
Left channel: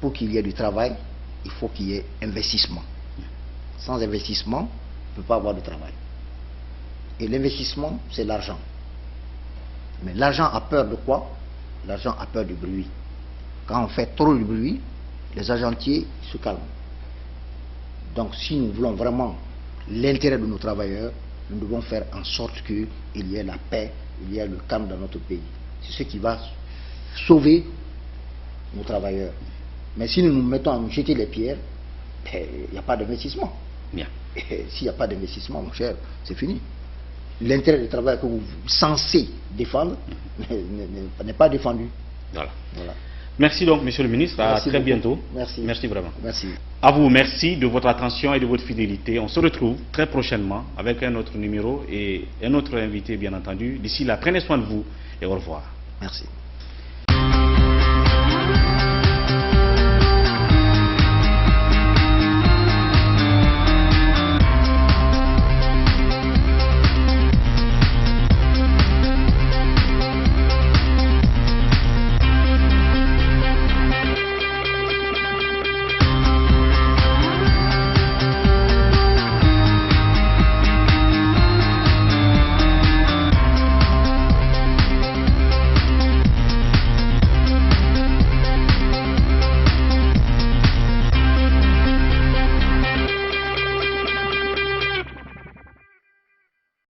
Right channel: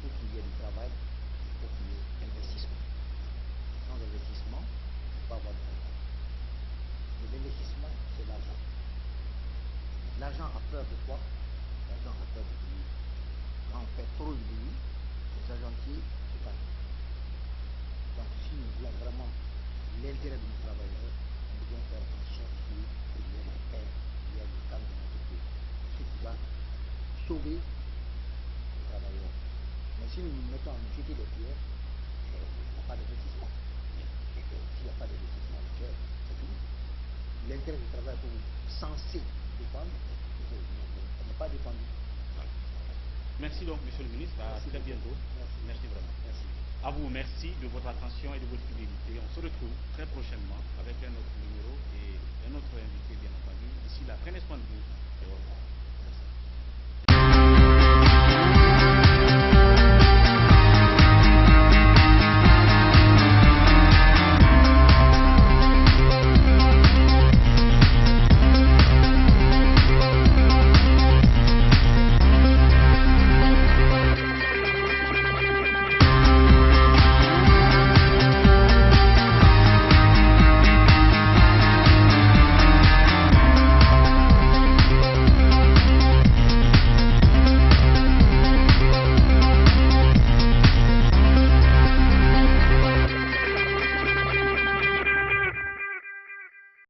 pour qu'il y ait du travail, il faut qu'il y ait investissement. Sans investissement, on ne peut pas avoir de travail. Et l'investissement, c'est l'argent. Mais l'argent a peur de quoi? L'argent a peur du bruit. Quand on fait trop de bruit, les argentiers se calment. Donc si nous voulons vraiment l'intérêt de nos travailleurs, nous devons faire en sorte qu'il y ait la paix, il y ait le calme dans notre pays. C'est ce qui va sauver nos travailleurs. Mais si nous nous mettons à nous jeter les pierres, il n'y a pas d'investissement. Bien. Et s'il n'y a pas d'investissement, mon cher, c'est fini. L'intérêt du travail que vous êtes censé défendre n'est pas défendu. Voilà. Merci donc, monsieur le ministre. À très bientôt. Merci. Merci vraiment. Merci. À vous, merci de votre attention et de votre fidélité. On se retrouve très prochainement avec un autre numéro et un autre invité, bien entendu. D'ici là, prenez soin de vous et au revoir. Merci.